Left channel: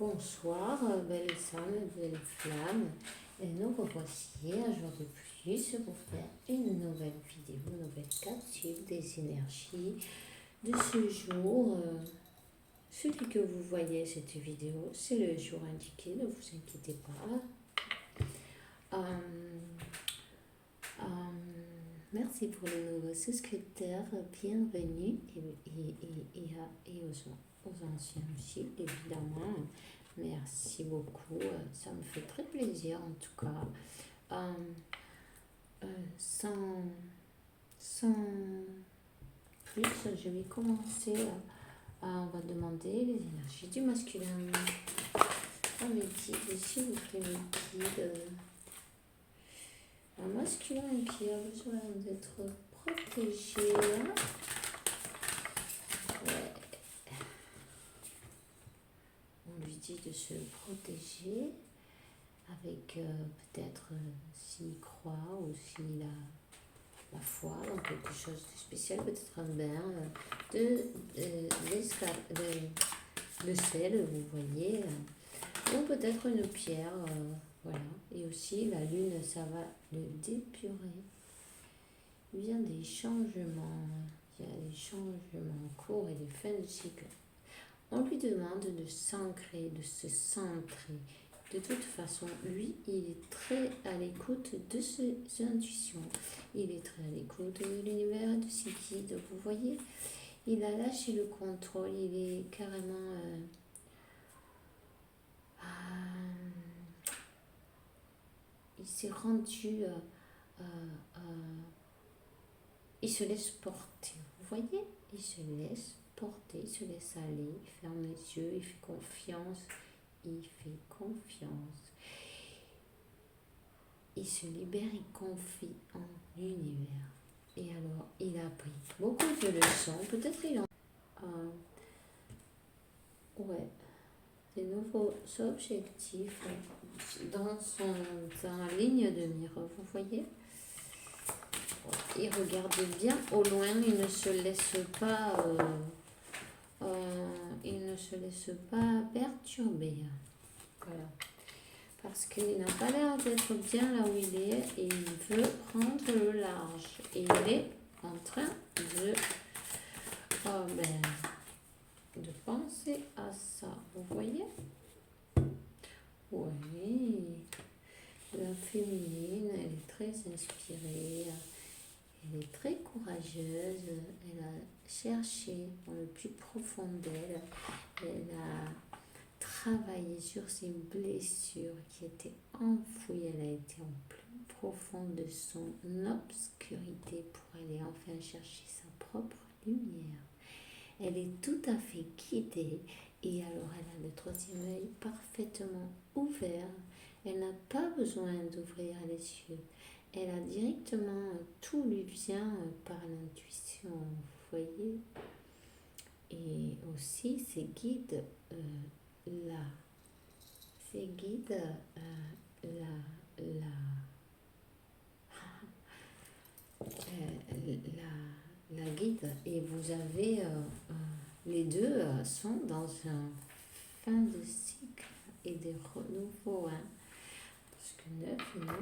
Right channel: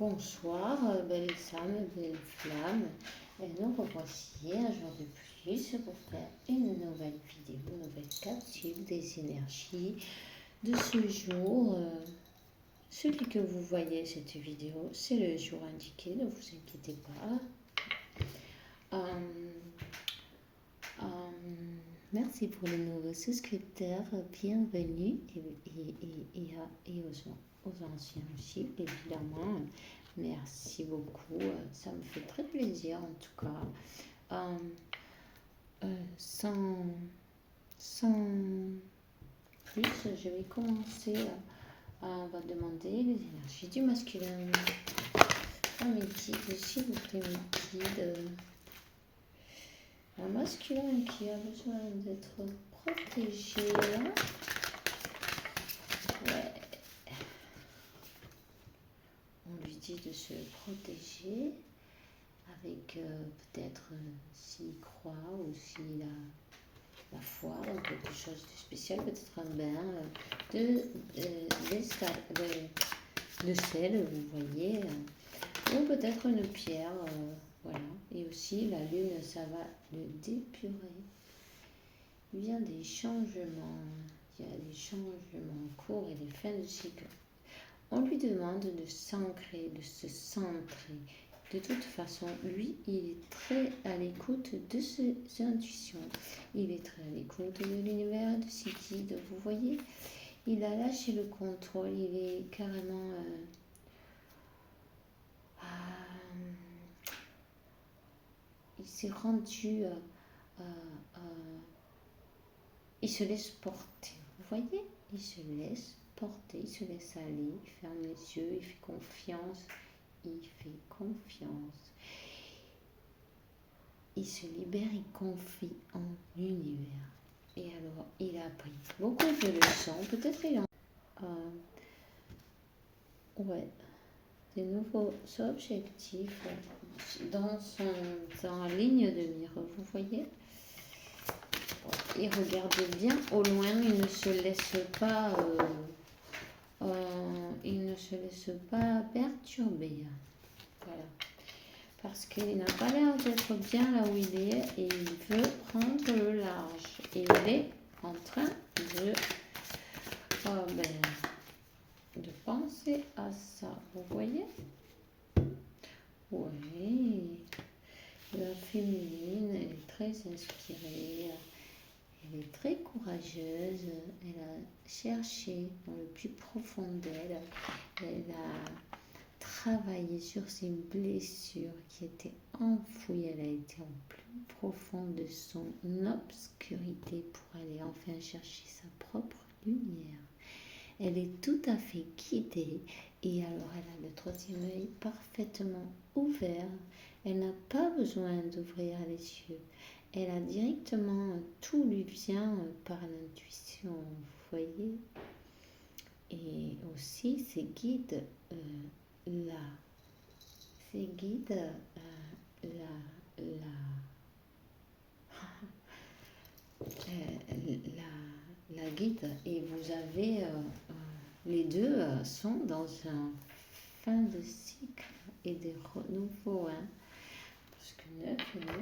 Bonsoir, belles âmes, belles flammes. Et nous revoici un jour de plus pour faire une nouvelle vidéo, une nouvelle capsule des énergies de ce jour. Celui que vous voyez cette vidéo, c'est le jour indiqué, ne vous inquiétez pas. Merci pour les nouveaux souscripteurs, bienvenue et aux anciens aussi, évidemment. Merci beaucoup, ça me fait très plaisir en tout cas. Sans plus, je vais commencer. On va demander les énergies du masculin. Mes guides, s'il vous plaît, mes guides. Un masculin qui a besoin d'être protégé. Ouais. On lui dit de se protéger avec peut-être s'il croit ou s'il a la foi dans quelque chose de spécial, peut-être un bain de sel, vous voyez, ou peut-être une pierre. Voilà, et aussi la lune, ça va le dépurer. Il y a des changements, courts et des fins de cycle. On lui demande de s'ancrer, de se centrer. De toute façon, lui, il est très à l'écoute de ses intuitions. Il est très à l'écoute de l'univers, de ses guides. Vous voyez, il a lâché le contrôle, il est carrément... il s'est rendu, il se laisse porter, vous voyez, il se laisse porter, il se laisse aller, il ferme les yeux, il fait confiance, il se libère, il confie en l'univers. Et alors, il a appris beaucoup de leçons, peut-être il en... des nouveaux objectifs dans la ligne de mire, vous voyez. Il regarde bien au loin, il ne se laisse pas perturber. Voilà. Parce qu'il n'a pas l'air d'être bien là où il est et il veut prendre le large. Et il est en train de penser à ça. Vous voyez? Oui. La féminine, elle est très inspirée. Elle est très courageuse, elle a cherché dans le plus profond d'elle, elle a travaillé sur ses blessures qui étaient enfouies, elle a été en plus profond de son obscurité pour aller enfin chercher sa propre lumière. Elle est tout à fait guidée et alors elle a le troisième œil parfaitement ouvert, elle n'a pas besoin d'ouvrir les yeux. Elle a directement, tout lui vient par l'intuition, vous voyez. Et aussi, ses guides, la guide. Et vous avez, les deux sont dans un fin de cycle et des renouveaux, parce que 9 et 9,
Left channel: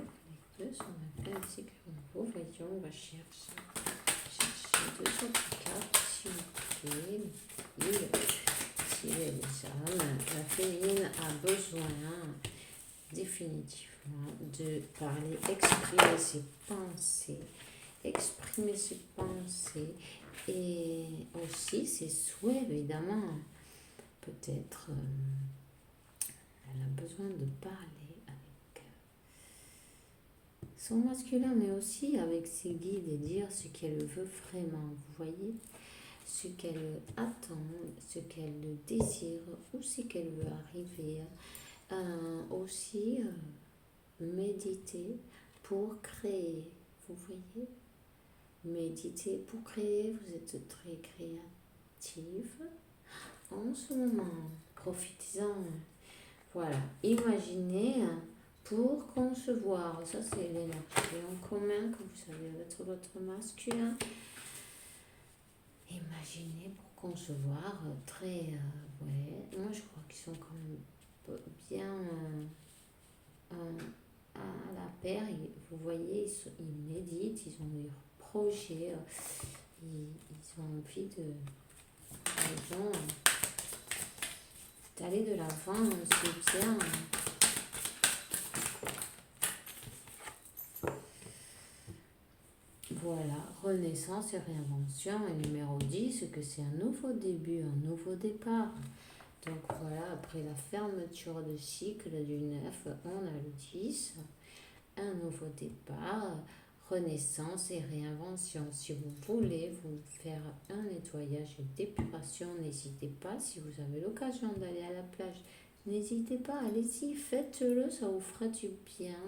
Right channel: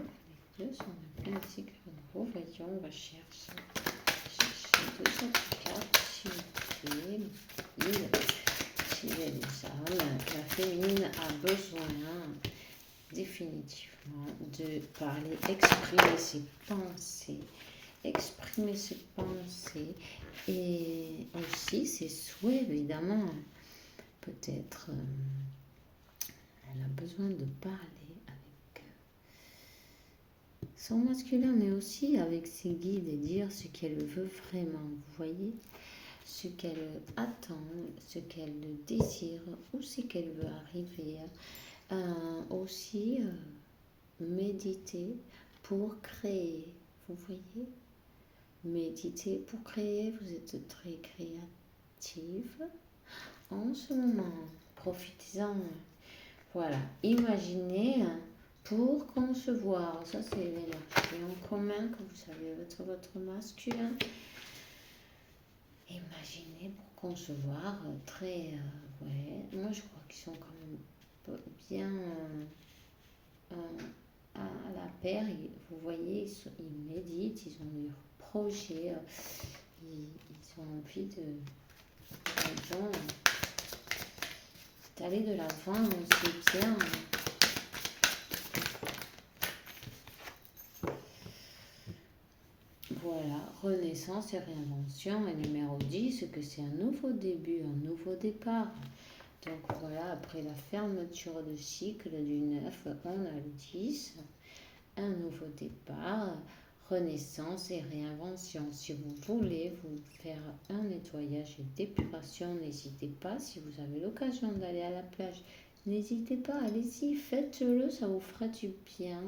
les deux sont en fin de cycle renouveau. Voyons, on va chercher deux autres cartes, s'il vous plaît. Si les âmes, la féminine a besoin définitivement de parler, exprimer ses pensées et aussi ses souhaits, évidemment. Peut-être elle a besoin de parler avec son masculin, mais aussi avec ses guides et dire ce qu'elle veut vraiment, vous voyez, ce qu'elle attend, ce qu'elle désire, où c'est qu'elle veut arriver. Aussi méditer pour créer, vous voyez, méditer pour créer, vous êtes très créative en ce moment, profitez-en. Voilà, imaginez pour concevoir, ça c'est l'énergie en commun que vous savez votre masculin. Imaginez pour concevoir très, moi je crois qu'ils sont quand même bien à la paire. Vous voyez, ils méditent, ils ont leur projet, ils ont envie d'aller de l'avant aussi bien. Voilà, renaissance et réinvention. Et numéro 10, que c'est un nouveau début, un nouveau départ. Donc voilà, après la fermeture de cycle du 9, on a le 10, un nouveau départ, renaissance et réinvention. Si vous voulez vous faire un nettoyage et d'épuration, n'hésitez pas. Si vous avez l'occasion d'aller à la plage, n'hésitez pas, allez-y, faites-le, ça vous fera du bien.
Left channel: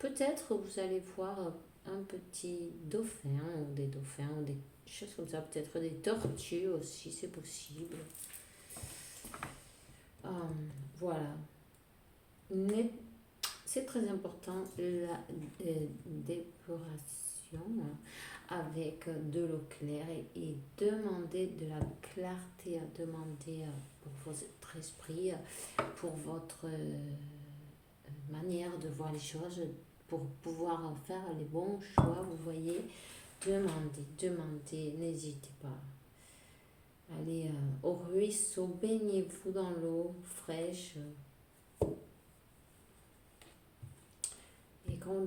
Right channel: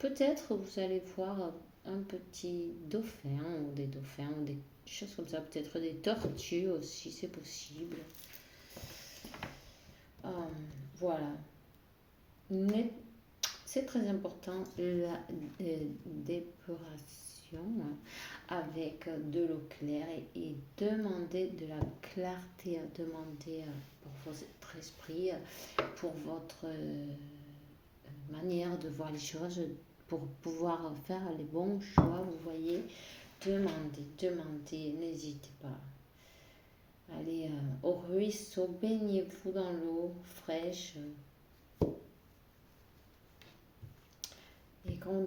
Peut-être vous allez voir un petit dauphin ou des dauphins ou des choses comme ça, peut-être des tortues aussi, c'est possible. Voilà. C'est très important la dépuration avec de l'eau claire et demander de la clarté, demander pour votre esprit, pour votre manière de voir les choses, pour pouvoir faire les bons choix. Vous voyez, demandez, n'hésitez pas. Allez au ruisseau, baignez-vous dans l'eau fraîche. Et quand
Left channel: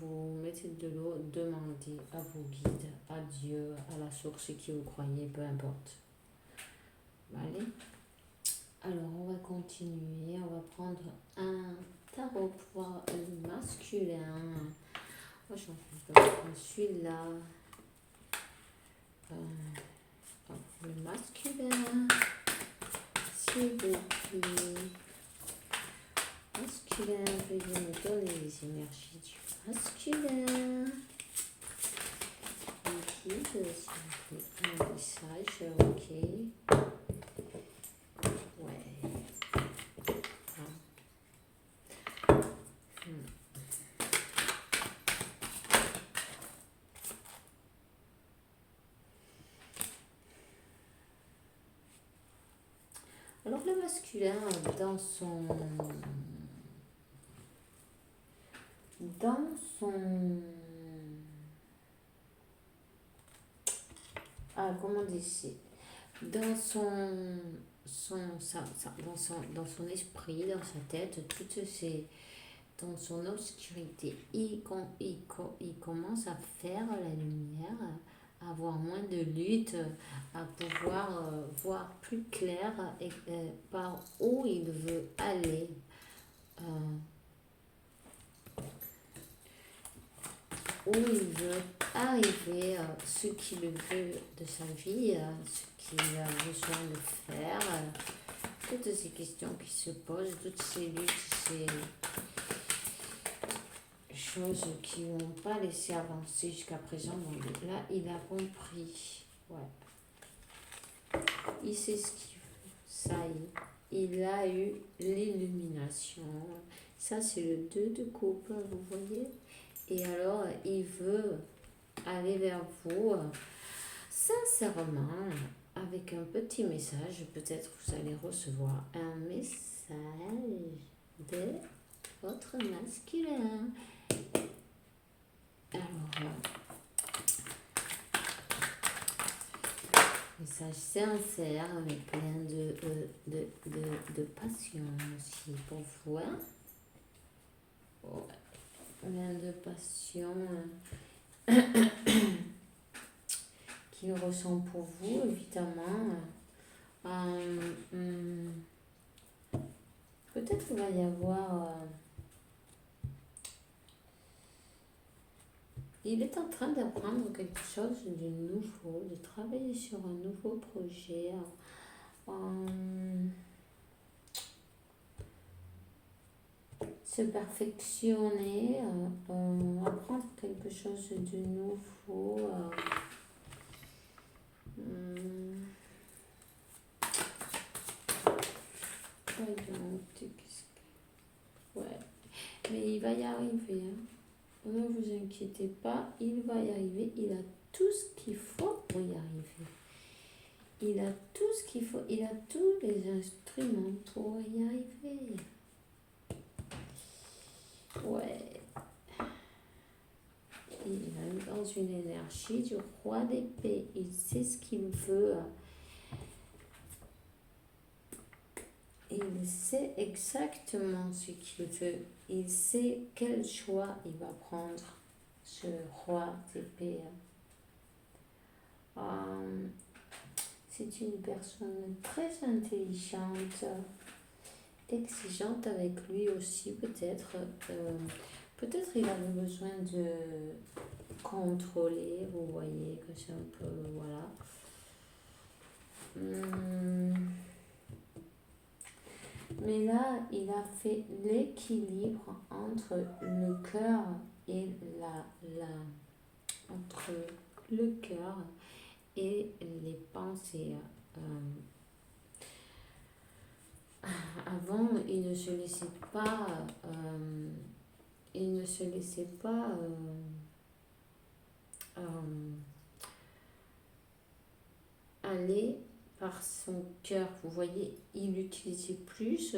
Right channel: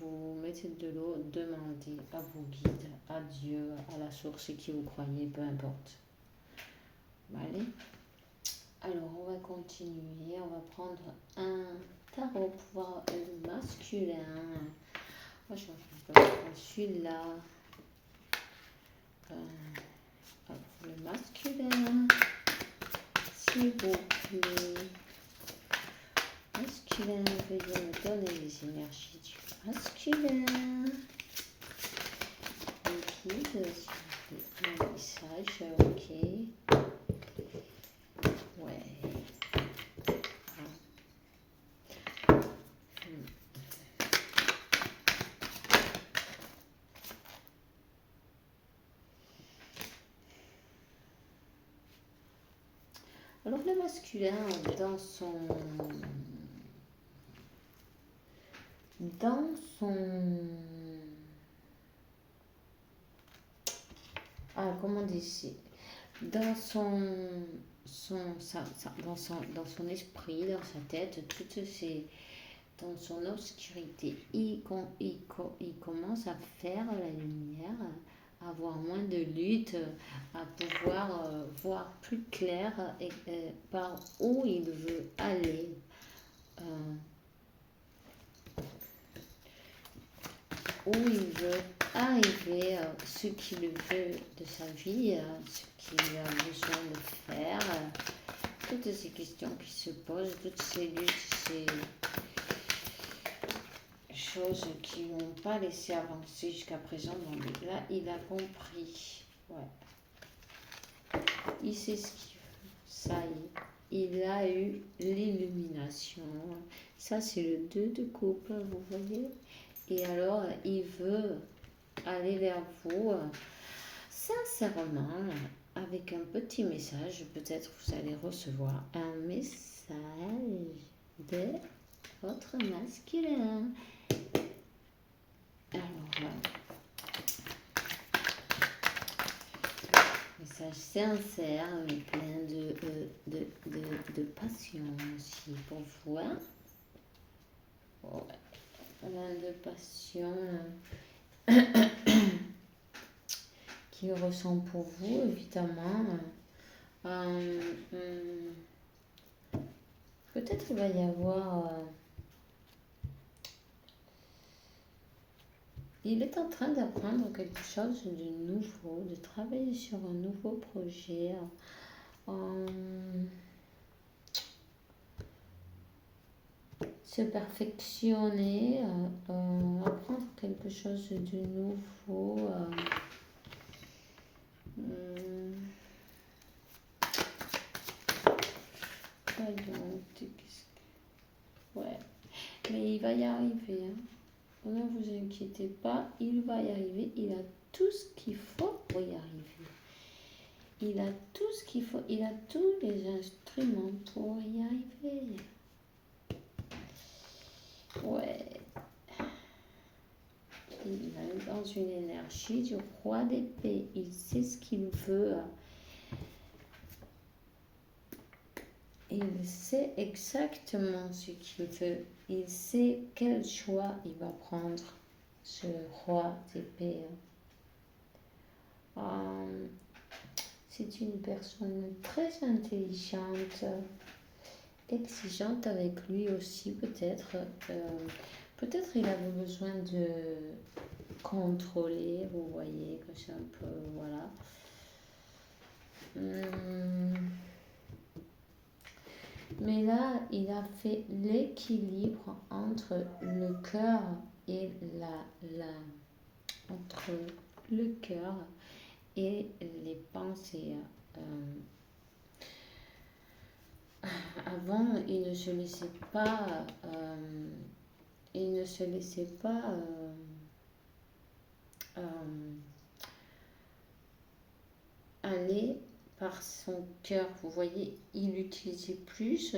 vous mettez de l'eau, demandez à vos guides, à Dieu, à la source qui vous croyez, peu importe. Allez. Alors, on va continuer. On va prendre un tarot pour voir le masculin. Moi, je vais prendre celui-là. Le masculin, s'il vous plaît. Masculin, veuillez me donner les énergies du masculin. Guide, s'il vous plaît, un message, ok. Ouais. Alors le masculin, dans son comment dire, dans dans son esprit, dans sa tête, dans son obscurité, il commence à faire la lumière, à avoir moins de lutte, à pouvoir voir plus clair et par où il veut aller. Où il veut arriver, ce qu'il veut de sa vie, ce qu'il a besoin de faire, toutes ces questions qui se posent, toutes ces luttes, ces choses qui n'ont pas laissé avancer jusqu'à présent. Bon, là, il a compris. Ouais. Il sait ce qu'il veut. Ça y est. Il a eu l'illumination. Ça, c'est le 2 de coupe, vous voyez. Et alors, il veut aller vers vous sincèrement, avec un petit message. Peut-être vous allez recevoir un message de votre masculin. Alors, message sincère, mais plein de passion aussi pour vous. Ouais. Plein de passion qu'il ressent pour vous, évidemment. Peut-être qu'il va y avoir... il est en train d'apprendre quelque chose de nouveau, de travailler sur un nouveau projet. Se perfectionner, apprendre quelque chose de nouveau. Voyons, ouais. Mais il va y arriver. Hein. Ne vous inquiétez pas, il va y arriver. Il a tout ce qu'il faut pour y arriver. Il a tout ce qu'il faut. Il a tous les instruments pour y arriver. dans une énergie du roi d'épée. Il sait ce qu'il veut. Il sait exactement ce qu'il veut. Il sait quel choix il va prendre, ce roi d'épée. C'est une personne très intelligente, exigeante avec lui aussi peut-être. Peut-être il avait besoin de contrôler, vous voyez, que c'est un peu, voilà. Mais là, il a fait l'équilibre entre le cœur et entre le cœur et les pensées. Avant, il ne se laissait pas, aller par son cœur. Vous voyez, il utilisait plus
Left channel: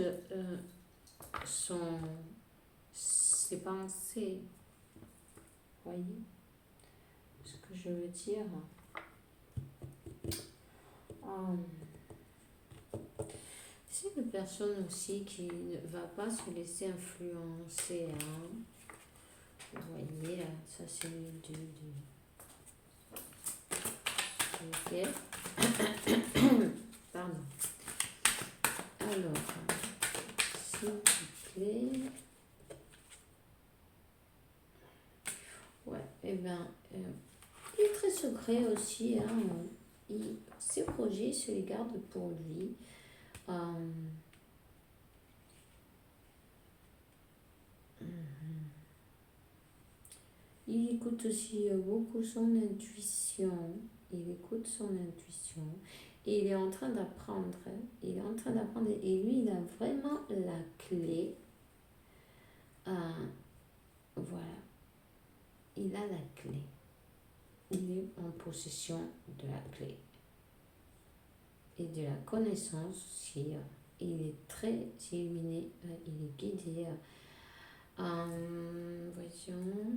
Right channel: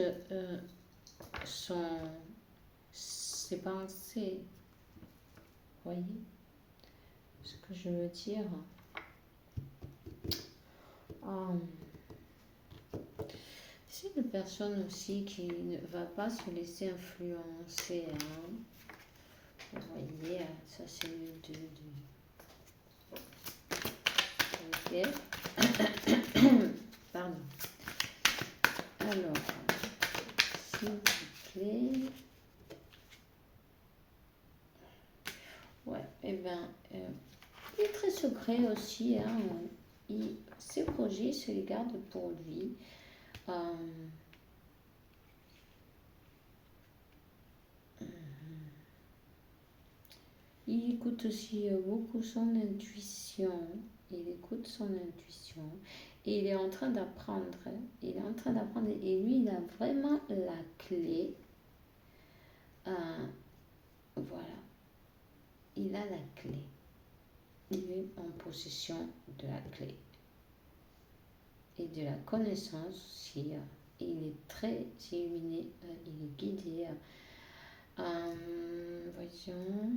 ses pensées. Vous voyez ce que je veux dire? C'est une personne aussi qui ne va pas se laisser influencer. Vous voyez, ça c'est le 2 de... Pardon. Alors, s'il vous plaît. Ouais, et il est très secret aussi. Ses projets se les garde pour lui. Il écoute aussi beaucoup son intuition. Il écoute son intuition. Et il est en train d'apprendre. Il est en train d'apprendre. Et lui, il a vraiment la clé. Voilà. Il a la clé. Il est en possession de la clé. Et de la connaissance aussi. Il est très illuminé. Il est guidé. Voyons.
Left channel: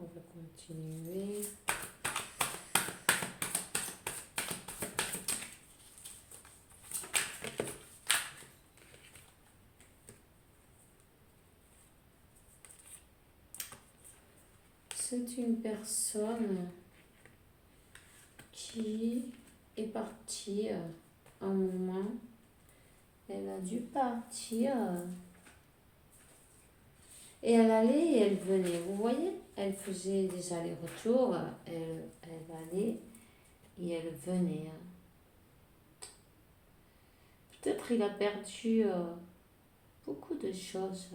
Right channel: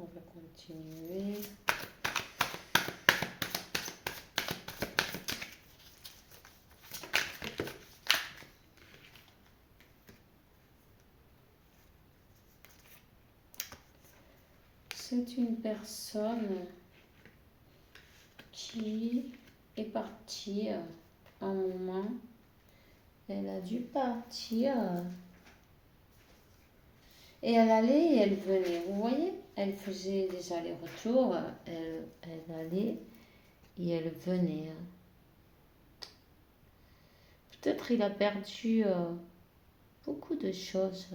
On va continuer. C'est une personne qui est partie un moment. Elle a dû partir. Et elle allait et elle venait. Vous voyez, elle faisait des allers-retours. Elle allait et elle venait. Peut-être il a perdu beaucoup de choses.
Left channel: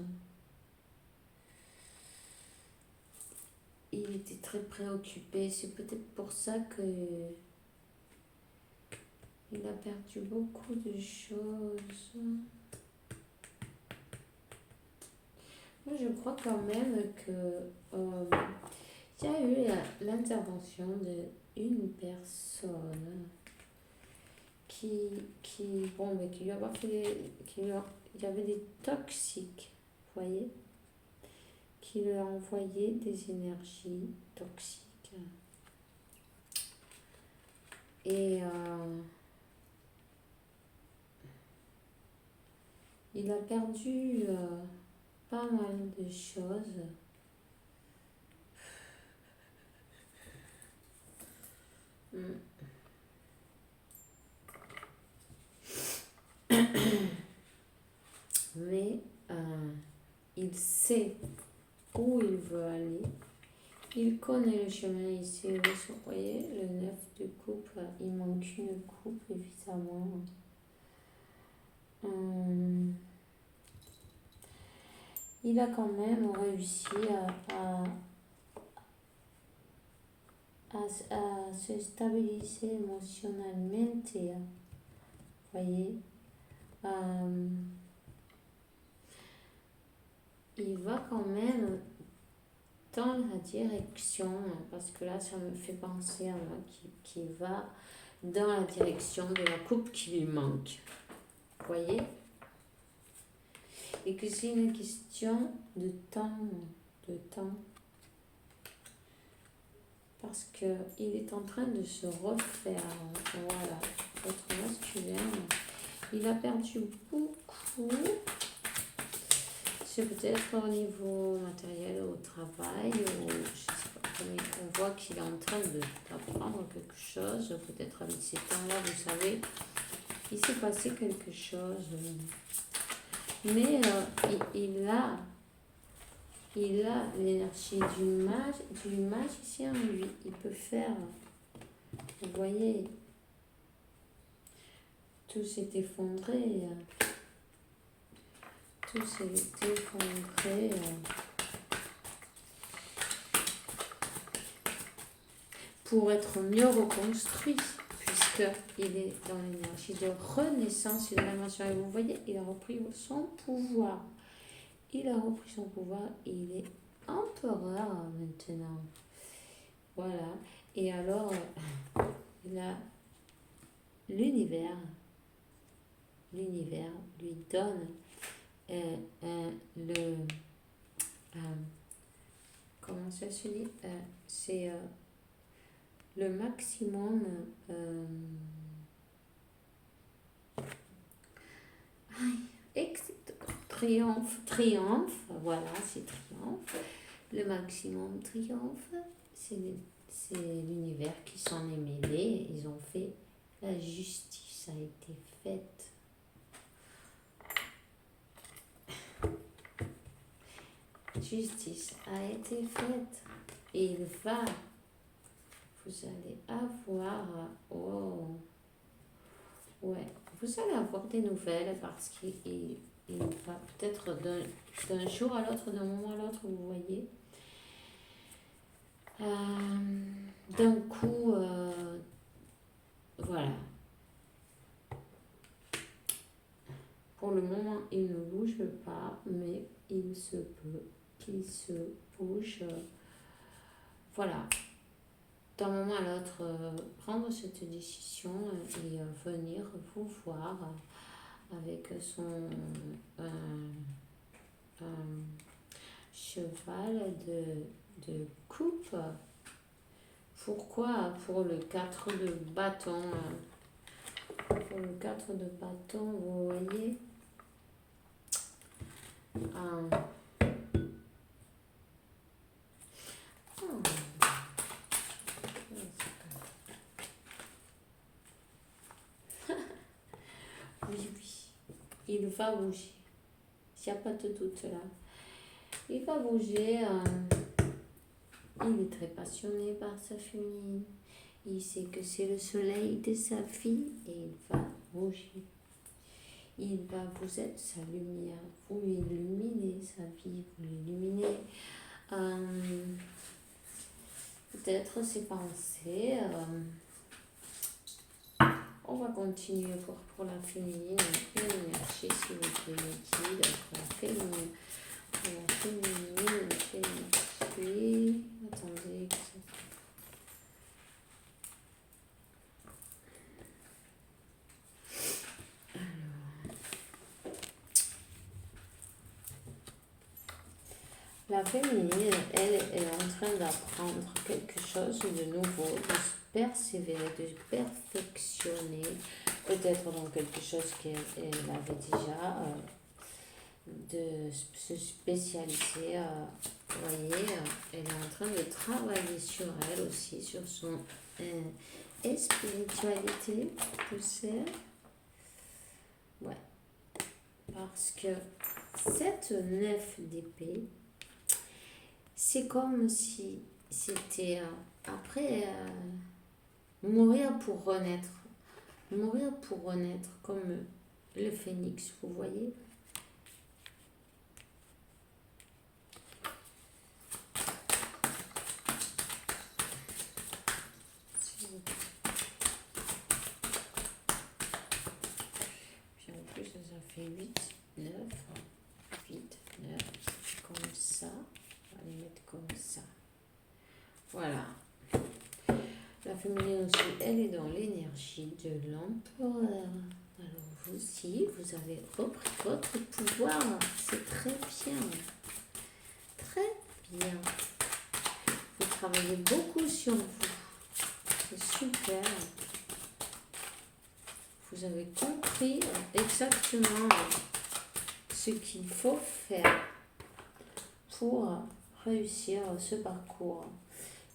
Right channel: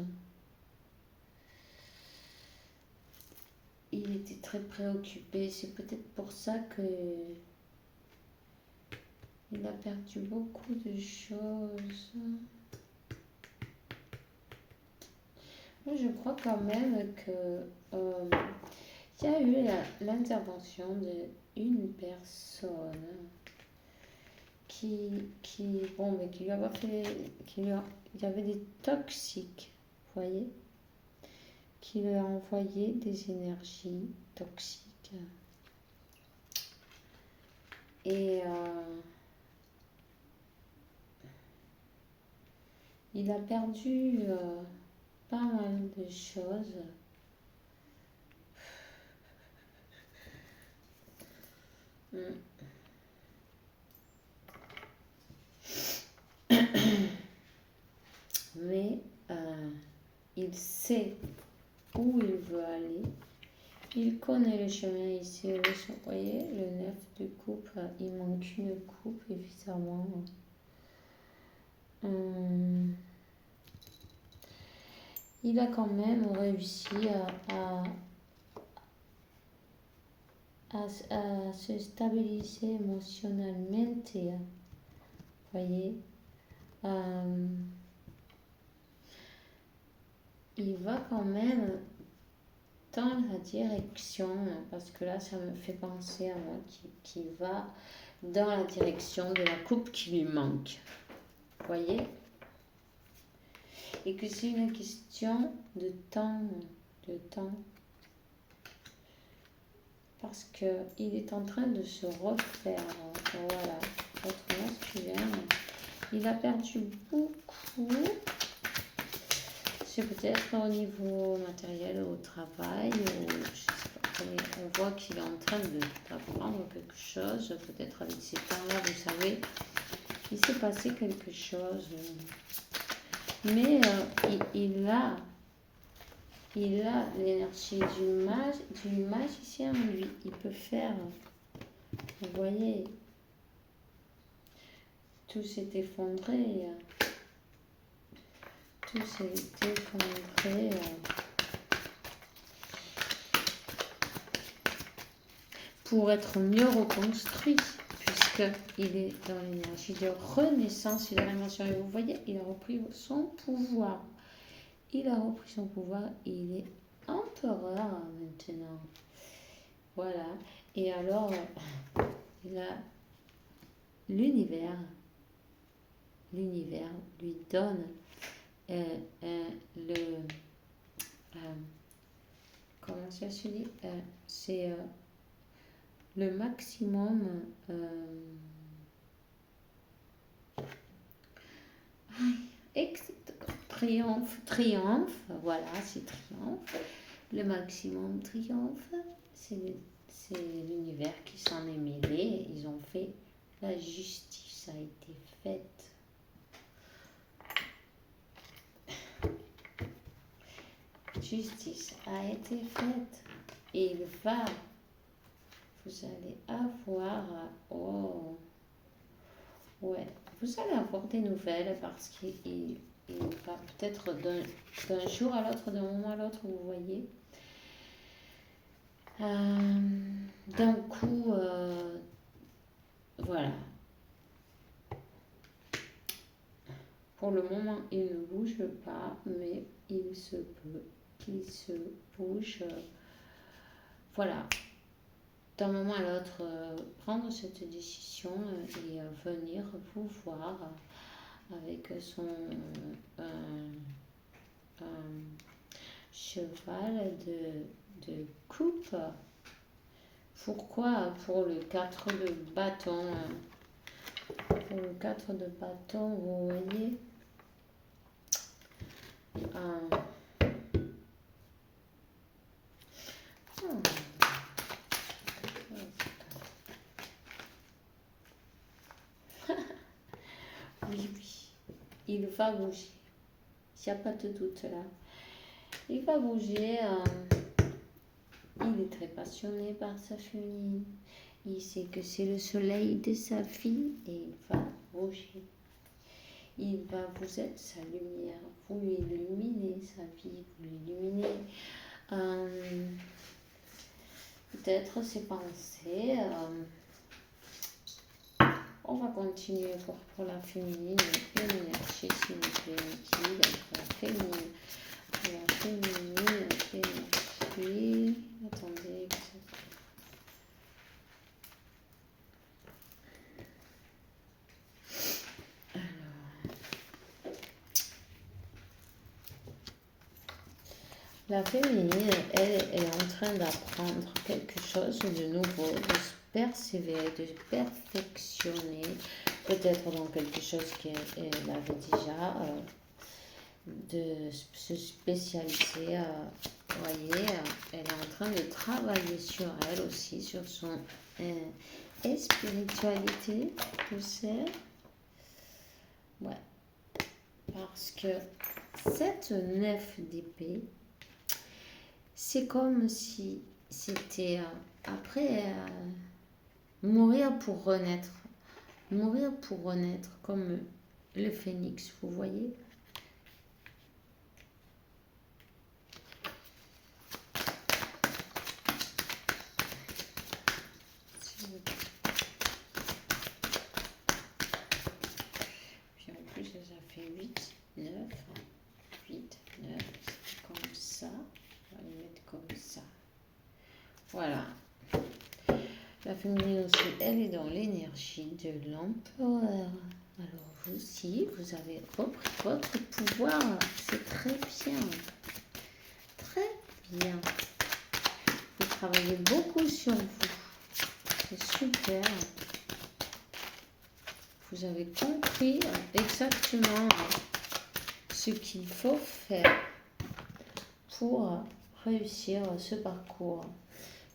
Il était très préoccupé. C'est peut-être pour ça que il a perdu beaucoup de choses. Moi, je crois quand même que il y a eu l'intervention d'une personne qui lui a fait, il y avait des toxiques, vous voyez, qui lui a envoyé des énergies toxiques. Et il a perdu pas mal de choses. Mais il sait où il veut aller. Il connaît le chemin ici. Vous voyez, le 9 de coupe, il manque une coupe, évidemment. Il a quand même réussi à se stabiliser émotionnellement. Vous voyez, il va quand même dans la direction, parce que là ça me fait penser à moi, qui va dans la direction de la coupe qui lui manque. Vous voyez? Et que c'est une question de temps, de temps. Parce qu'il est en train de se refaire. Voilà. Votre masculin, il a perdu beaucoup. C'est peut-être au niveau matériel, au travail, ou je sais pas. On voit qu'il est en train d'apprendre quelque chose. Peut-être avec ces temps-là, vous savez, il s'est passé quelque chose. Mais il a l'énergie du magicien en lui. Il peut faire, vous voyez, tout s'est effondré. Tout s'est effondré. Pour être mieux reconstruit, puisqu'il est dans l'énergie de renaissance, il a la mention, et vous voyez, il a repris son pouvoir. Il a repris son pouvoir et il est empereur maintenant. Voilà. Et alors, il a l'univers lui donne comment ça se dit, c'est le maximum triomphe, voilà, c'est triomphe. Le maximum triomphe, c'est l'univers qui s'en est mêlé. Ils ont fait, la justice a été faite. Justice a été faite. Et vous allez avoir, vous allez avoir des nouvelles parce qu'il va peut-être d'un jour à l'autre, d'un moment à l'autre, vous voyez. D'un coup, voilà. Pour le moment, il ne bouge pas, mais il se peut qu'il se bouge. Voilà. D'un moment à l'autre, prendre cette décision et venir vous voir avec son cheval de coupe. Pourquoi? Pour le 4 de bâton. Pour le 4 de bâton, vous voyez. Oui, il va bouger. Il n'y a pas de doute là. Il va bouger. Il est très passionné par sa féminine. Il sait que c'est le soleil de sa fille et il va bouger. Il va vous être sa lumière. Vous l'illuminez, sa vie, vous l'illuminez. Peut-être ses pensées. On va continuer pour la féminine. Énergie, s'il vous plaît, liquide. Pour la féminine. Pour la féminine, énergie. Attendez. La féminine, elle est en train d'apprendre quelque chose de nouveau, de se persévérer, de se perfectionner, peut-être dans quelque chose qu'elle avait déjà, de se spécialiser. Vous voyez, elle est en train de travailler sur elle aussi, sur son spiritualité, tout ça. Ouais. Parce que cette 9 d'épée, c'est comme si c'était après mourir pour renaître. Mourir pour renaître comme le phénix, vous voyez. Puis en plus, ça fait 8, 9, 8, 9, comme ça. On va les mettre comme ça. Voilà. La féminine aussi, elle est dans l'énergie de l'empereur. Alors vous aussi, vous avez repris votre pouvoir. C'est très bien. Très bien. Vous travaillez beaucoup sur vous. C'est super. Vous avez compris exactement ce qu'il faut faire pour réussir ce parcours.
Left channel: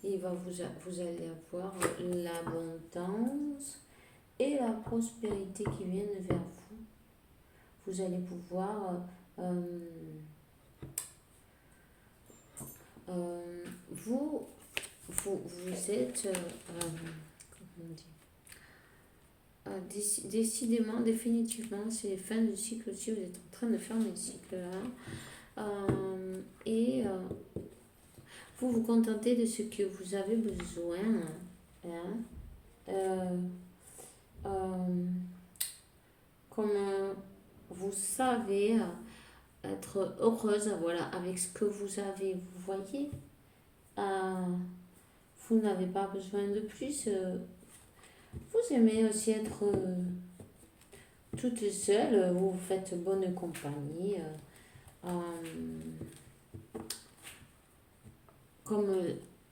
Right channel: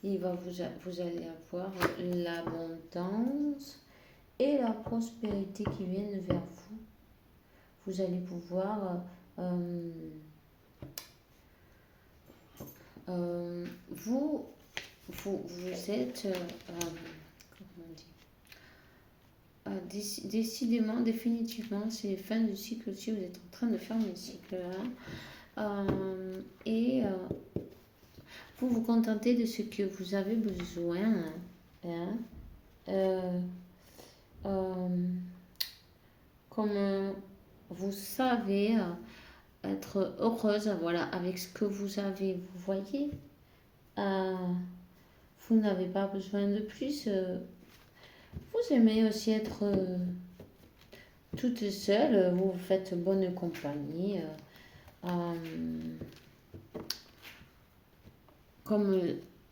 Vous allez avoir l'abondance et la prospérité qui viennent vers vous. Vous allez pouvoir vous êtes comment on dit, décidément, définitivement, c'est fin du cycle aussi. Vous êtes en train de fermer le cycle là. Et vous vous contentez de ce que vous avez besoin. Comme vous savez être heureuse, voilà, avec ce que vous avez, vous voyez. Vous n'avez pas besoin de plus. Vous aimez aussi être toute seule. Vous vous faites bonne compagnie.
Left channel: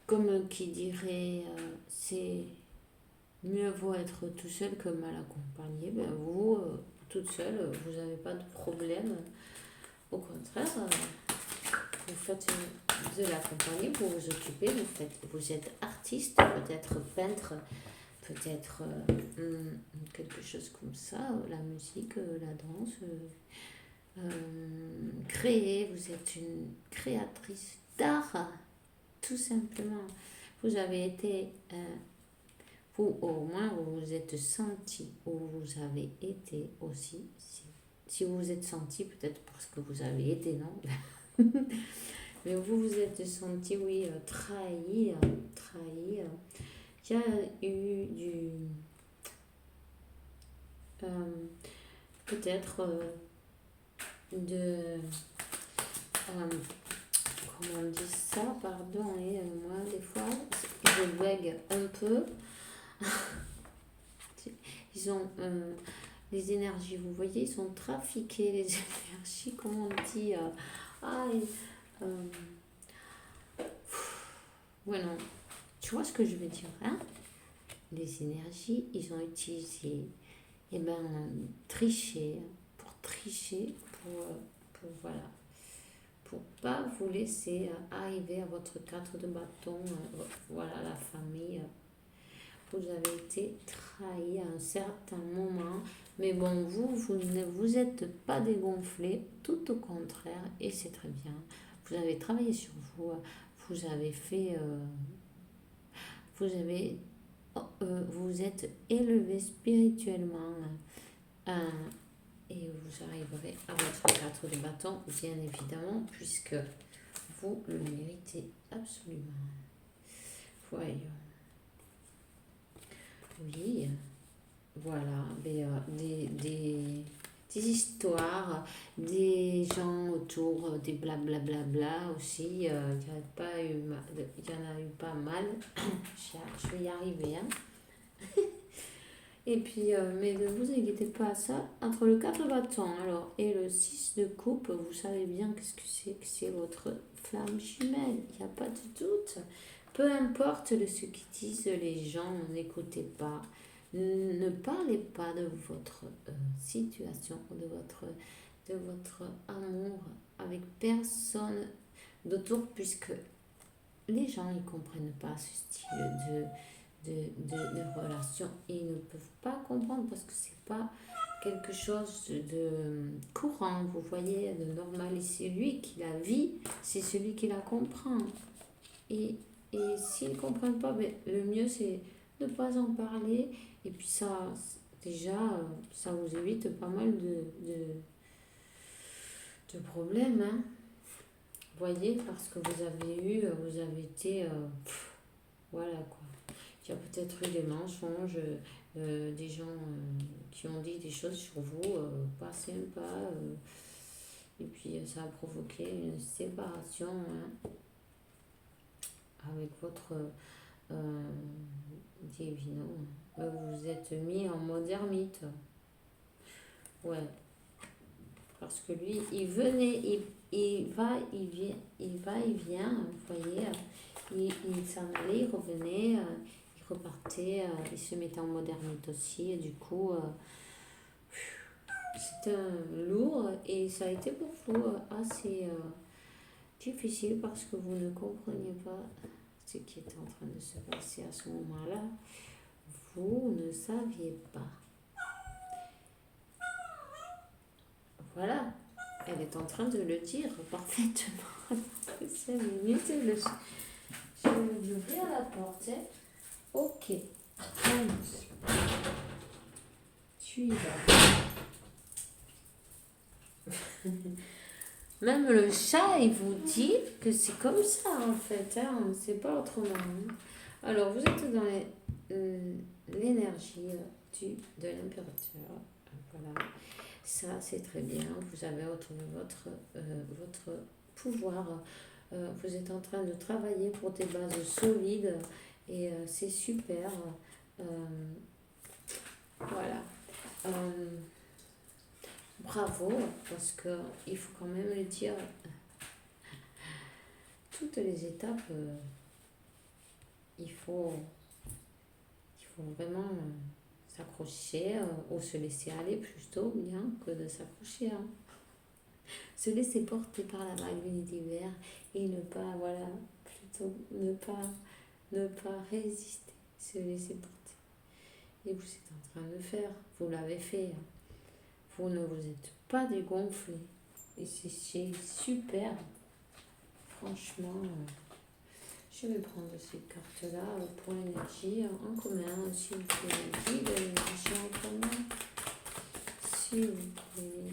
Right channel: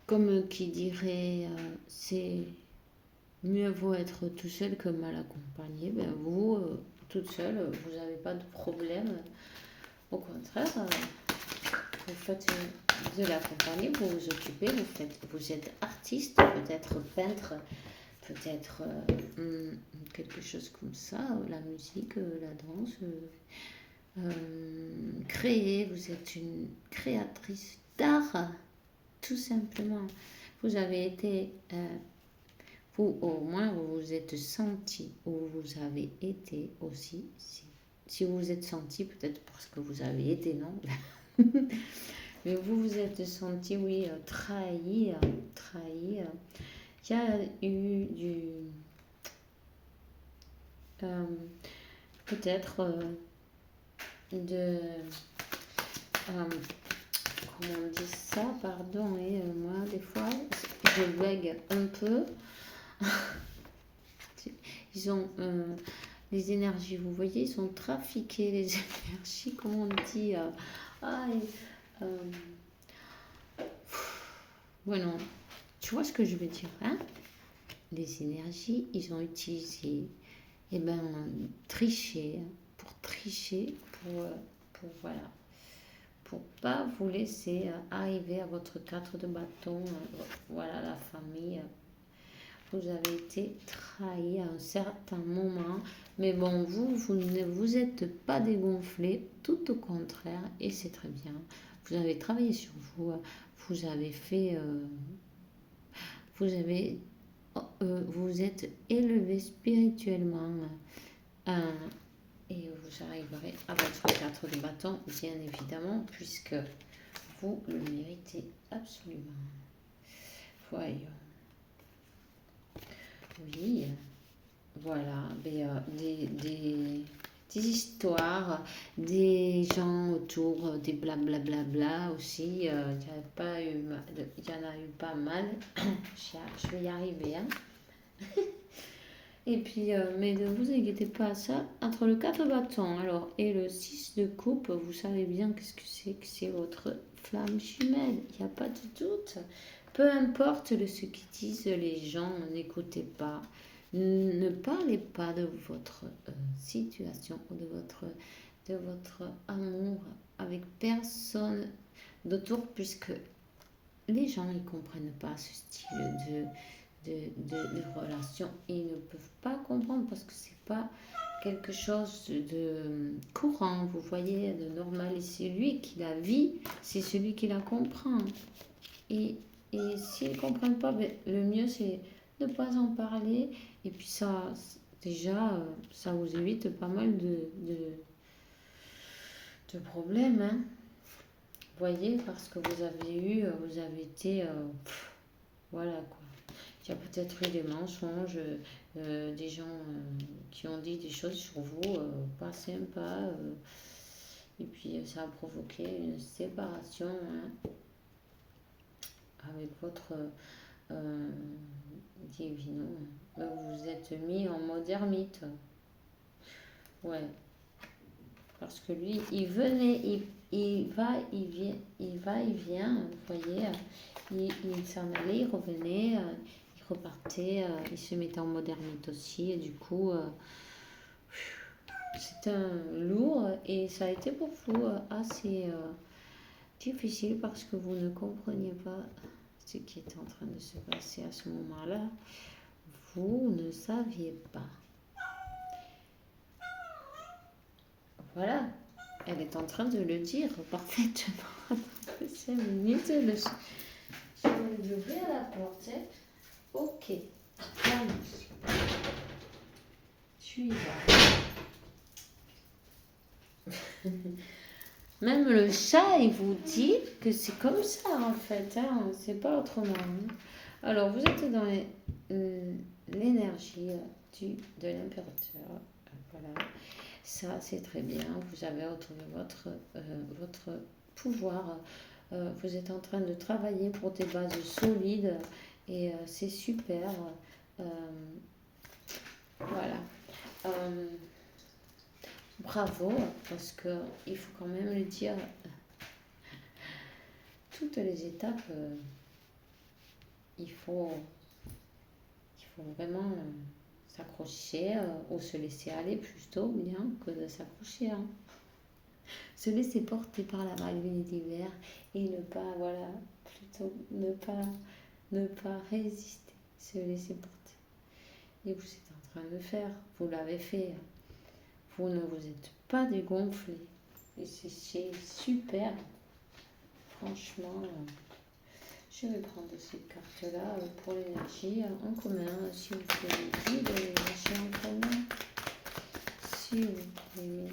Comme qui dirait, c'est mieux vaut être tout seul que mal accompagné. Ben vous, toute seule, vous n'avez pas de problème. Au contraire, vous faites de la compagnie, vous vous occupez, vous êtes artiste, peut-être peintre, peut-être quelque chose comme ça, la musique, la danse. Créer, vous êtes une créatrice d'art, tout simplement. Vous avez été, vous au moins vous vous êtes senti, ou vous avez été aussi, si vous vous êtes senti, peut-être parce que vous avez été, non? Mais vous vous êtes senti, oui, trahi. Il y a eu peut-être comment on dit ça, pardon, et moi des fois je bègue un peu. Ils ont les énergies, vous voyez, ils sont trafiqués, les énergies, comment on dit, bueno, tu vois ce que je veux dire, hein? Les énergies, ils ont utilisé, tricher, pour tricher, voilà, pour pas vous laisser arriver à votre 4 de bâton, voilà, la famille. Vous avez été trahi à un certain moment, mais bon, vous ne vous êtes pas dégonflé, tout au contraire, et c'est très bien. Vous avez travaillé sur vous, vous avez fait, vous êtes élevé spirituellement, et vous arriverez à votre 4 de bâton, bien évidemment, puisque vous le méritez absolument. Voyons. Oui, voilà, des histoires, des gens autour, des blablabla aussi. Il y en a eu pas mal. Je vais y arriver, hein. Et puis, mais ne vous inquiétez pas, ça, entre le 4 bâtons alors, et le 6 de coupe, vous savez bien qu'est-ce que c'est votre flamme jumelle, il n'y a pas de doute. Peu importe ce qu'ils disent les gens, n'écoutez pas. Ne parlez pas de votre situation, de votre amour avec personne d'autre, puisque les gens ne comprennent pas ce style de relation. Ils ne peuvent pas comprendre parce que c'est pas quelque chose de courant, vous voyez, de normal. Et c'est lui qui la vit, c'est celui qui la comprend. Et s'ils ne comprennent pas, le mieux c'est de ne pas en parler. Et puis ça, déjà, ça vous évite pas mal de problèmes, hein. Vous voyez, parce que vous avez été, voilà quoi. Il y a peut-être eu des mensonges, des gens qui ont dit des choses sur vous, pas sympas. Et puis ça a provoqué une séparation, hein, avec votre Euh, Divino, vous êtes mis en mode ermite. Ouais, parce que lui, il venait, il va, il vient, il va, il vient, vous voyez, il s'en allait, il revenait, il repartait, il se mettait en mode ermite aussi, et du coup, c'était un lourd, et ça a été pour vous assez difficile parce que vous ne compreniez pas ce qui était en train de se passer à ce moment-là. Vous ne saviez pas. Voilà, elle est en train de le dire parfaitement. 5 minutes, je vais ouvrir la porte. Ok, vamos. Tu y vas. Même le chat, il vous dit que c'est comme ça en fait, hein, c'est pas autrement. Hein. Alors, vous êtes dans l'énergie de l'impérateur. Voilà, ça c'est très bien. Vous avez retrouvé votre pouvoir. Vous êtes en train de travailler pour des bases solides et c'est super. Euh, voilà. Euh, Bravo, parce qu'il faut quand même le dire, toutes les étapes, il faut vraiment s'accrocher ou se laisser aller plutôt bien que de s'accrocher. Hein. Se laisser porter par la vague de l'univers et ne pas, voilà, plutôt ne pas résister, se laisser porter. Et vous êtes en train de le faire, vous l'avez fait. Vous ne vous êtes pas dégonflé. Et c'est super. Franchement, je vais prendre ces cartes-là pour l'énergie en commun. S'il vous plaît, guide l'énergie en commun. S'il vous plaît,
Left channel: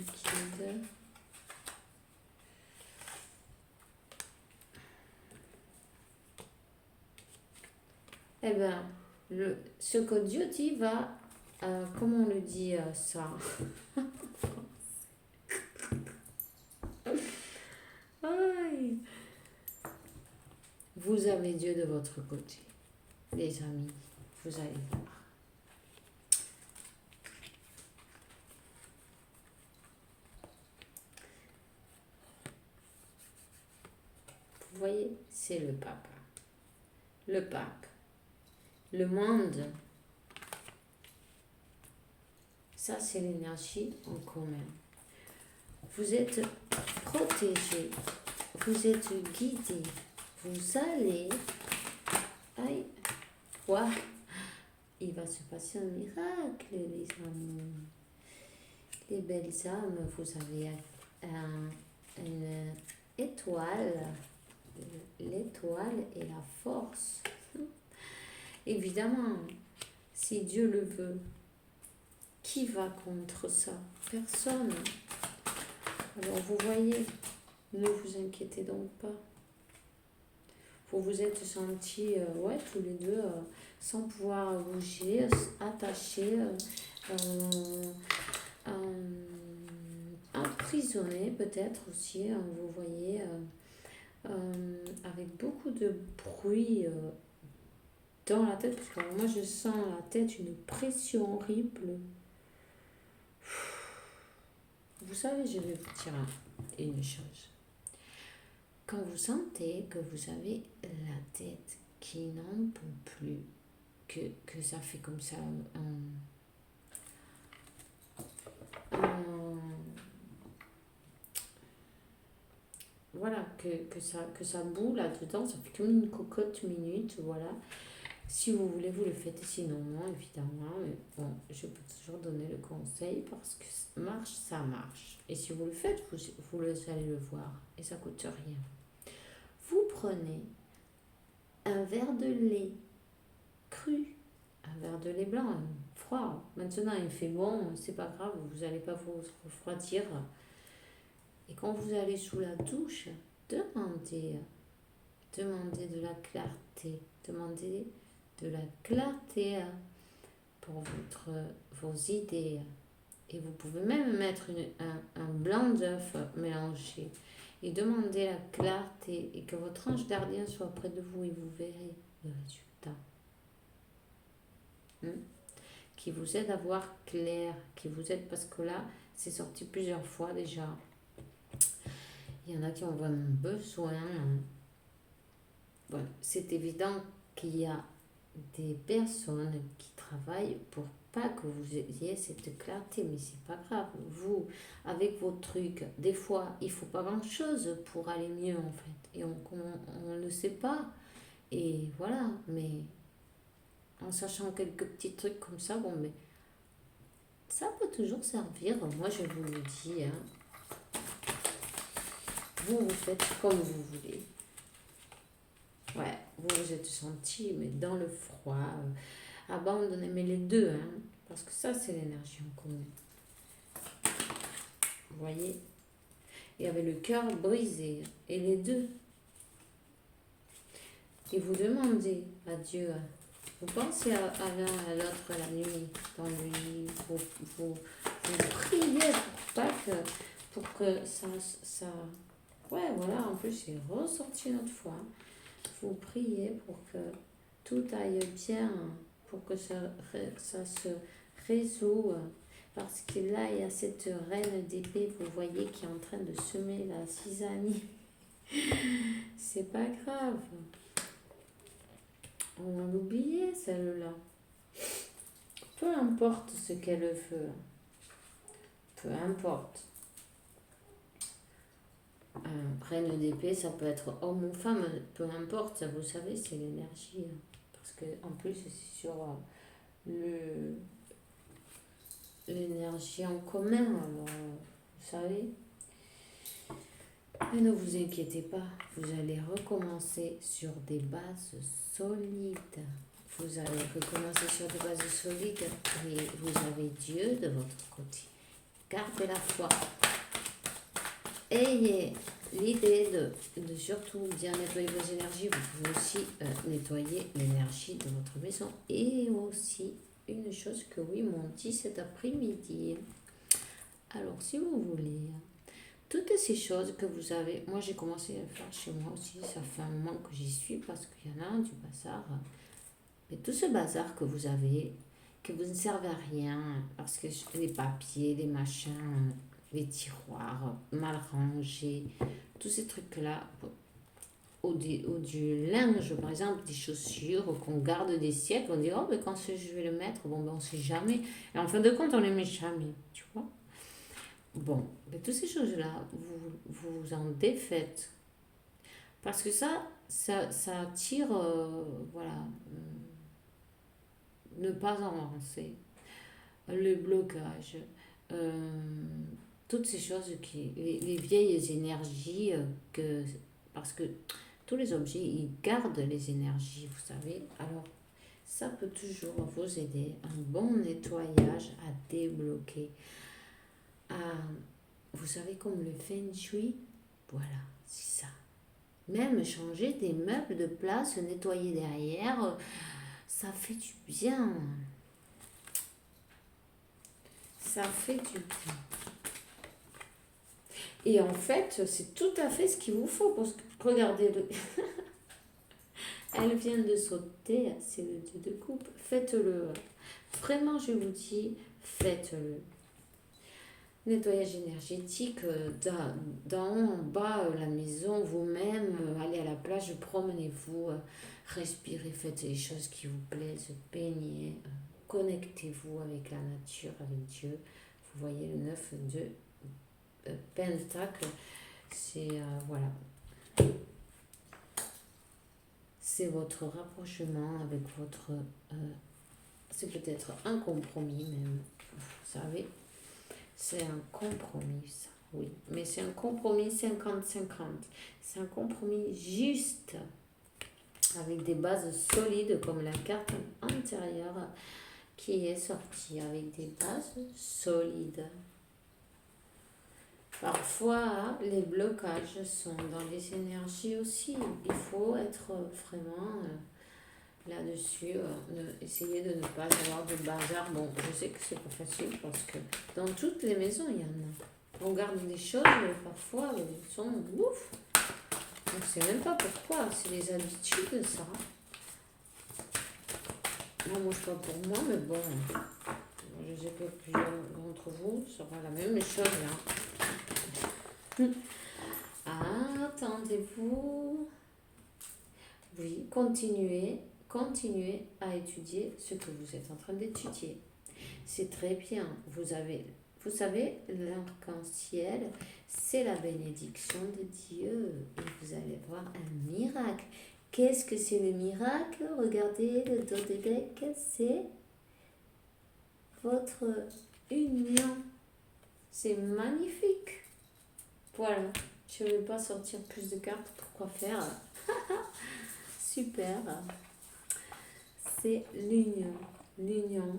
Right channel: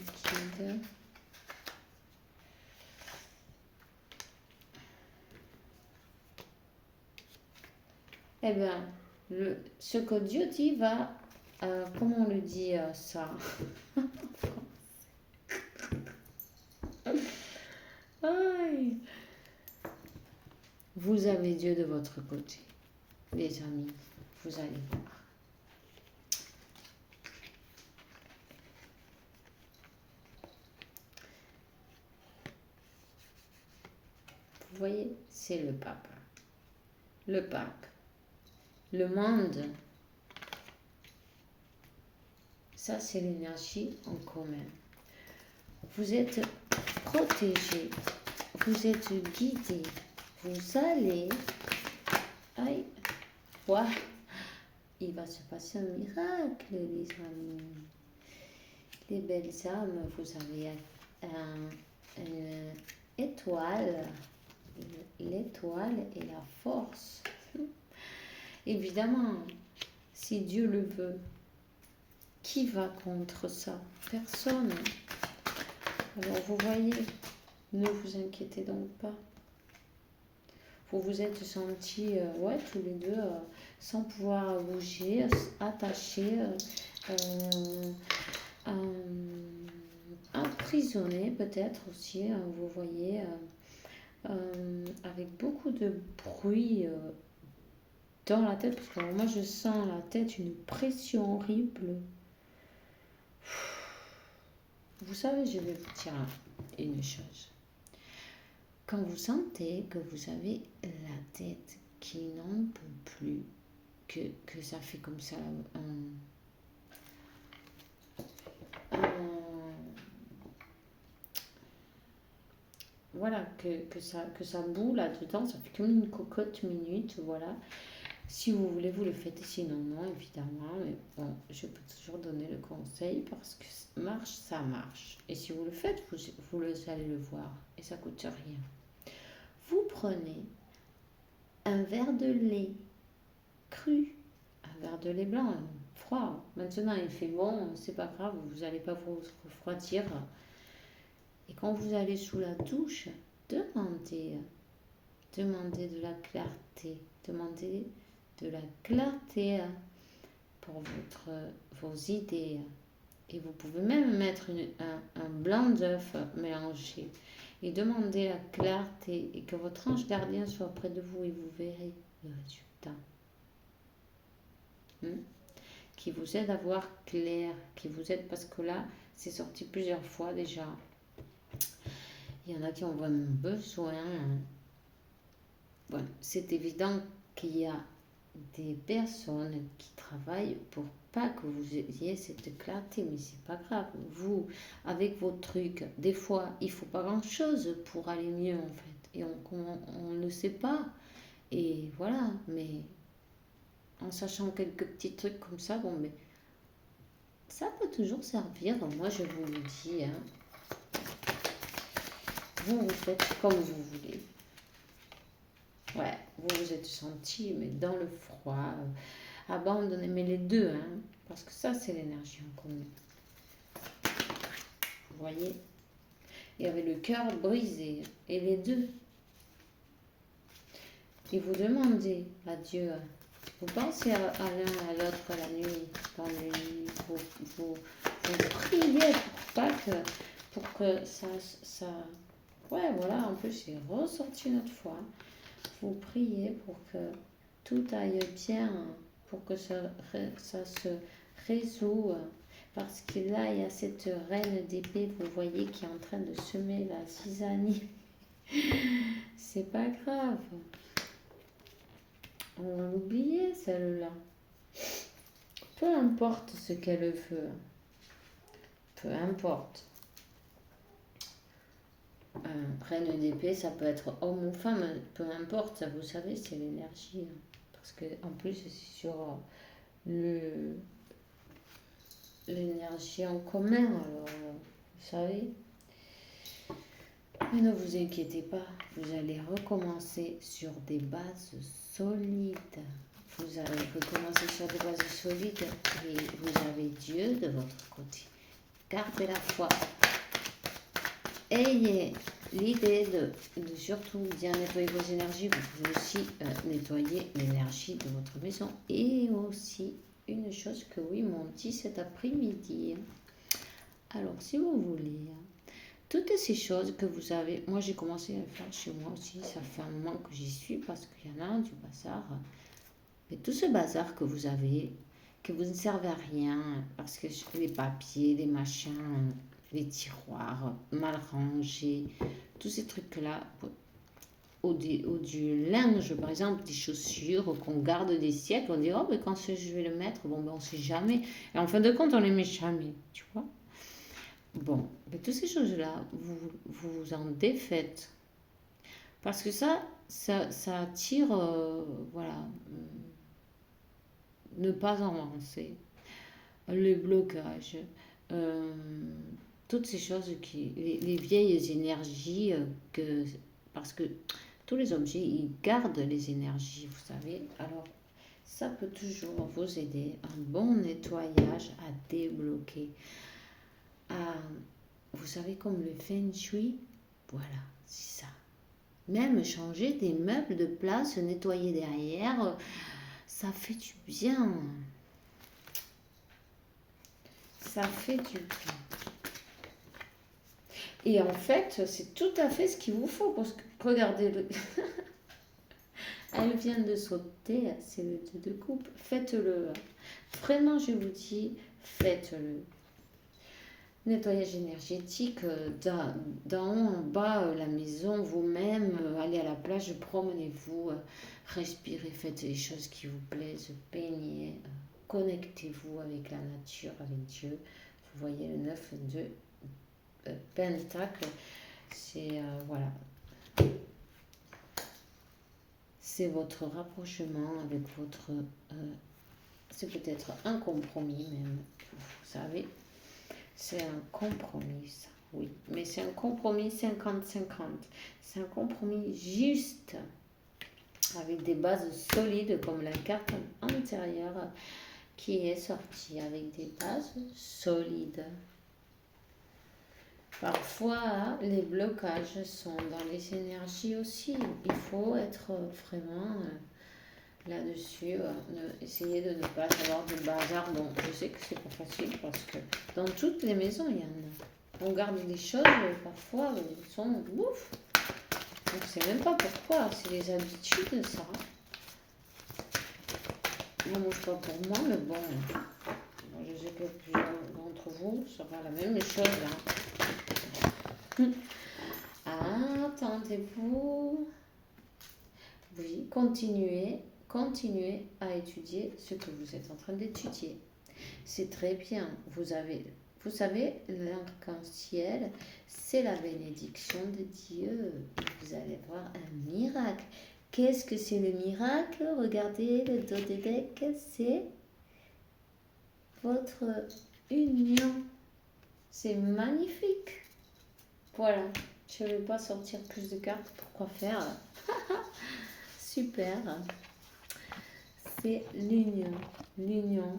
guide. Eh bien, ce que Dieu dit va, comment on le dit ça? Aïe. Vous avez Dieu de votre côté, les amis, vous allez voir. Vous voyez, c'est le pape. Le pape. Le monde. Ça, c'est l'énergie en commun. Vous êtes protégé. Vous êtes guidé. Vous allez... Aïe. Ouah. Il va se passer un miracle, les amis. Les belles âmes, vous avez une étoile. L'étoile et la force. Évidemment, si Dieu le veut, qui va contre ça? Personne. Alors vous voyez, ne vous inquiétez donc pas. Vous vous êtes sentis, tous les deux, sans pouvoir bouger, attachés, emprisonnés peut-être aussi, hein, vous voyez, avec beaucoup de bruit dans la tête, parce que moi je sens la tête, une pression horrible. Vous savez, je vais vous dire une chose. Quand vous sentez que vous avez la tête qui n'en peut plus, que ça fait comme ça voilà, que ça boue là-dedans, ça fait comme une cocotte minute, voilà. Si vous voulez, vous le faites, sinon non, évidemment. Mais bon, je peux toujours donner le conseil parce que marche, ça marche. Et si vous le faites, vous allez le voir et ça coûte rien. Vous prenez un verre de lait cru, un verre de lait blanc, froid. Maintenant, il fait bon, c'est pas grave, vous n'allez pas vous refroidir. Et quand vous allez sous la douche, demandez de la clarté, demandez de la clarté pour vos idées. Et vous pouvez même mettre un blanc d'œuf mélangé. et demandez la clarté et que votre ange gardien soit près de vous et vous verrez le résultat. Qui vous aide à voir clair, qui vous aide parce que là, c'est sorti plusieurs fois déjà. Il y en a qui ont vraiment besoin. Voilà, c'est évident qu'il y a des personnes qui travaillent pour pas que vous ayez cette clarté, mais c'est pas grave. Vous, avec vos trucs, des fois, il faut pas grand-chose pour aller mieux en fait, et on ne sait pas. Et voilà, mais en sachant quelques petits trucs comme ça, bon, mais ça peut toujours servir. Moi, je vous le dis, hein. Vous faites comme vous voulez. Ouais, vous vous êtes senti, mais dans le froid, abandonné, mais les deux, hein, parce que ça, c'est l'énergie en commun. Vous voyez? Il y avait le cœur brisé, et les deux. Et vous demandez à Dieu, vous pensez à l'un à l'autre la nuit, dans le lit, vous priez pour que ça, ouais, voilà, en plus, c'est ressorti une autre fois. Vous priez pour que tout aille bien, pour que ça se résout. Parce que là, il y a cette reine d'épée, vous voyez, qui est en train de semer la zizanie. C'est pas grave. On va l'oublier, celle-là. Peu importe ce qu'elle veut. Peu importe. Reine d'épée, ça peut être homme ou femme, peu importe, vous savez, c'est l'énergie. Parce que en plus, c'est sur l'énergie en commun, alors, vous savez. Mais ne vous inquiétez pas, vous allez recommencer sur des bases solides. Vous allez recommencer sur des bases solides et vous avez Dieu de votre côté. Gardez la foi. Ayez l'idée de surtout bien nettoyer vos énergies. Vous pouvez aussi nettoyer l'énergie de votre maison. Et aussi, une chose que oui m'ont dit cet après-midi. Alors, si vous voulez, toutes ces choses que vous avez, moi j'ai commencé à le faire chez moi aussi, ça fait un moment que j'y suis parce qu'il y en a du bazar. Mais tout ce bazar que vous avez, que vous ne servez à rien, parce que les papiers, les machins, les tiroirs mal rangés, tous ces trucs-là, ou du linge, par exemple, des chaussures qu'on garde des siècles, on dit, oh, mais quand je vais le mettre, bon, ben, on ne sait jamais. Et en fin de compte, on ne les met jamais, tu vois. Bon, mais toutes ces choses-là, vous en défaites. Parce que ça attire, voilà, ne pas avancer, le blocage, euh, toutes ces choses les vieilles énergies, parce que tous les objets, ils gardent les énergies, vous savez. Alors, ça peut toujours vous aider, un bon nettoyage à débloquer. Vous savez, comme le feng shui, voilà, c'est ça. Même changer des meubles de place, nettoyer derrière, ça fait du bien. Ça fait du bien. Et en fait, c'est tout à fait ce qu'il vous faut. Parce que, regardez, elle vient de sauter, c'est le 2 de coupe. Faites-le. Vraiment, je vous dis, faites-le. Nettoyage énergétique, d'en haut en bas, la maison, vous-même, allez à la plage, promenez-vous, respirez, faites les choses qui vous plaisent, peignez, connectez-vous avec la nature, avec Dieu. Vous voyez le 9 de Pentacle, c'est, voilà, c'est votre rapprochement avec votre, c'est peut-être un compromis même, vous savez. C'est un compromis, ça, oui. Mais c'est un compromis 50-50. C'est un compromis juste, avec des bases solides, comme la carte antérieure qui est sortie, avec des bases solides. Parfois, les blocages sont dans les énergies aussi. Il faut être vraiment là-dessus, essayer de ne pas avoir de bazar. Bon, je sais que c'est pas facile parce que dans toutes les maisons, il y en a. On garde des choses, parfois, elles sont ouf. On ne sait même pas pourquoi, c'est les habitudes, ça. Moi, je ne pas pour moi, mais bon, je sais que plusieurs d'entre vous, ça va la même chose, là. Attendez-vous. Oui, continuez à étudier ce que vous êtes en train d'étudier. C'est très bien. Vous savez, l'arc-en-ciel, c'est la bénédiction de Dieu. Et vous allez voir un miracle. Qu'est-ce que c'est le miracle? Regardez le dodédèque, c'est votre union. C'est magnifique. Voilà. Je ne vais pas sortir plus de cartes. Pourquoi faire? Super. C'est l'union. L'union.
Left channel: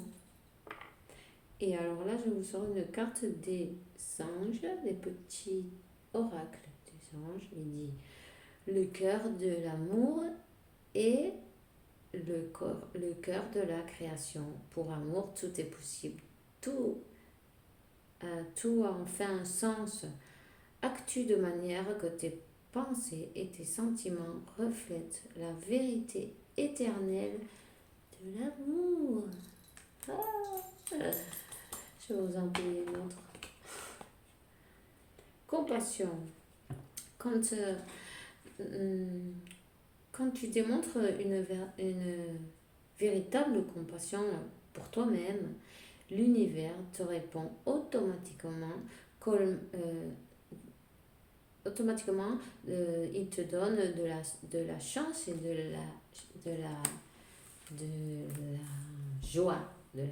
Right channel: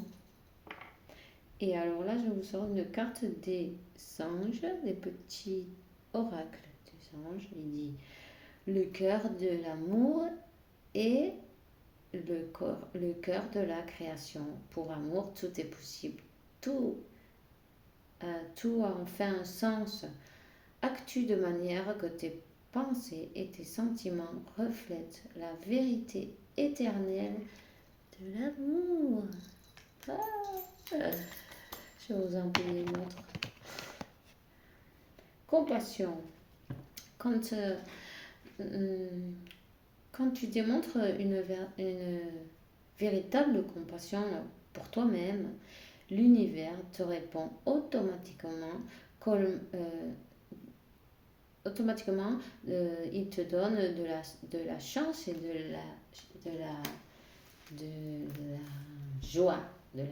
Et alors là, je vous sors une carte des anges, des petits oracles des anges. Il dit le cœur de l'amour et le cœur de la création. Pour amour, tout est possible. Tout a enfin un sens. Actue de manière que tes pensées et tes sentiments reflètent la vérité éternelle de l'amour. Je vais vous en donner une autre. Compassion. Quand tu démontres une véritable compassion pour toi-même, l'univers te répond automatiquement. Il te donne de la chance et de la joie, de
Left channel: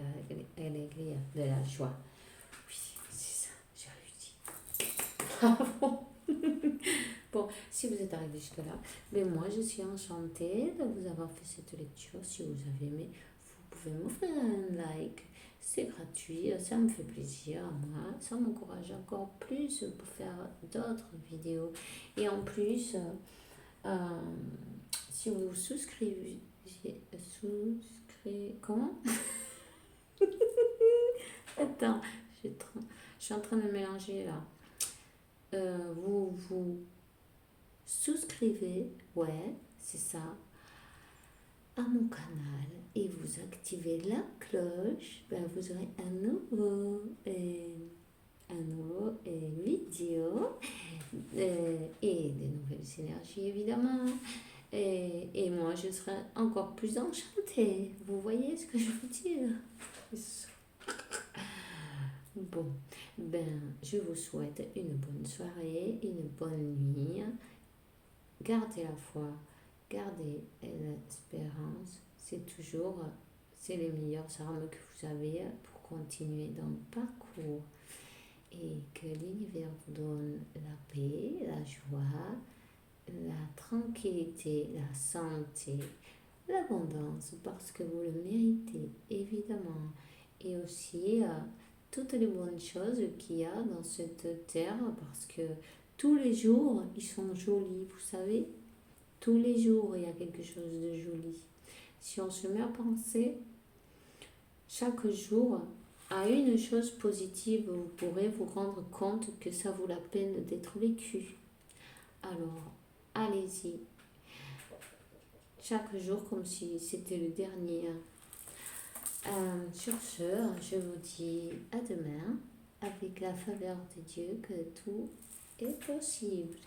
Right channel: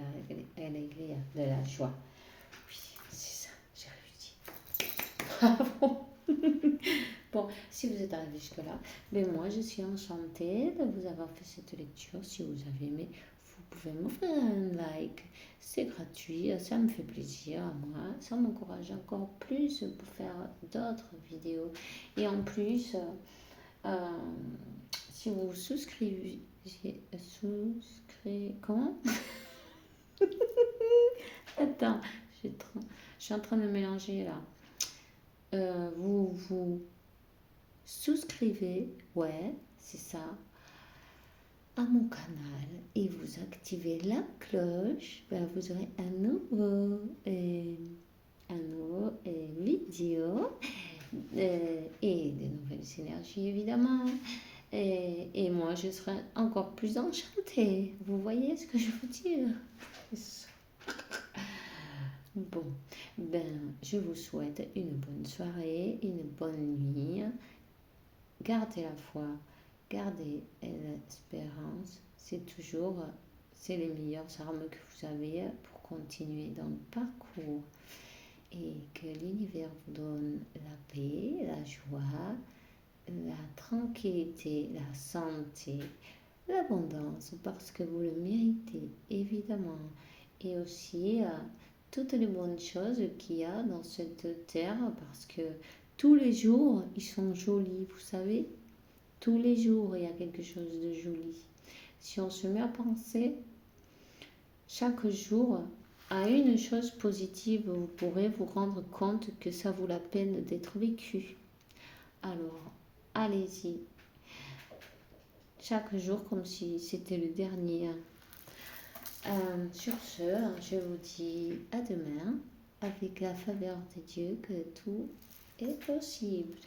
la joie. Oui, c'est ça, j'ai réussi. Bon, si vous êtes arrivé jusque-là, mais moi je suis enchantée de vous avoir fait cette lecture. Si vous avez aimé, vous pouvez m'offrir un like. C'est gratuit, ça me fait plaisir à moi. Ça m'encourage encore plus pour faire d'autres vidéos. Et en plus, si vous vous souscrivez... Comment? Attends, je suis en train de mélanger là. Vous souscrivez, ouais, c'est ça, à mon canal et vous activez la cloche, ben vous aurez un nouveau vidéo et des nouvelles énergies évidemment. Et moi, je serai encore plus enchantée. Vous voyez ce que je veux dire? Bon, ben, je vous souhaite une bonne soirée, une bonne nuit. Gardez la foi, gardez l'espérance. C'est les meilleures armes que vous avez pour continuer dans le parcours. Et que l'univers vous donne la paix, la joie, la tranquillité, la santé, l'abondance, parce que vous le méritez, évidemment. Et aussi toutes les bonnes choses qu'il y a dans cette terre, parce que tous les jours, ils sont jolis, vous savez. Tous les jours, il y a quelque chose de joli. Si on se met à penser chaque jour à une chose positive, vous pourrez vous rendre compte que ça vaut la peine d'être vécu. Alors, allez-y. Chaque jour comme si c'était le dernier. Sur ce, je vous dis à demain avec la faveur de Dieu que tout est possible.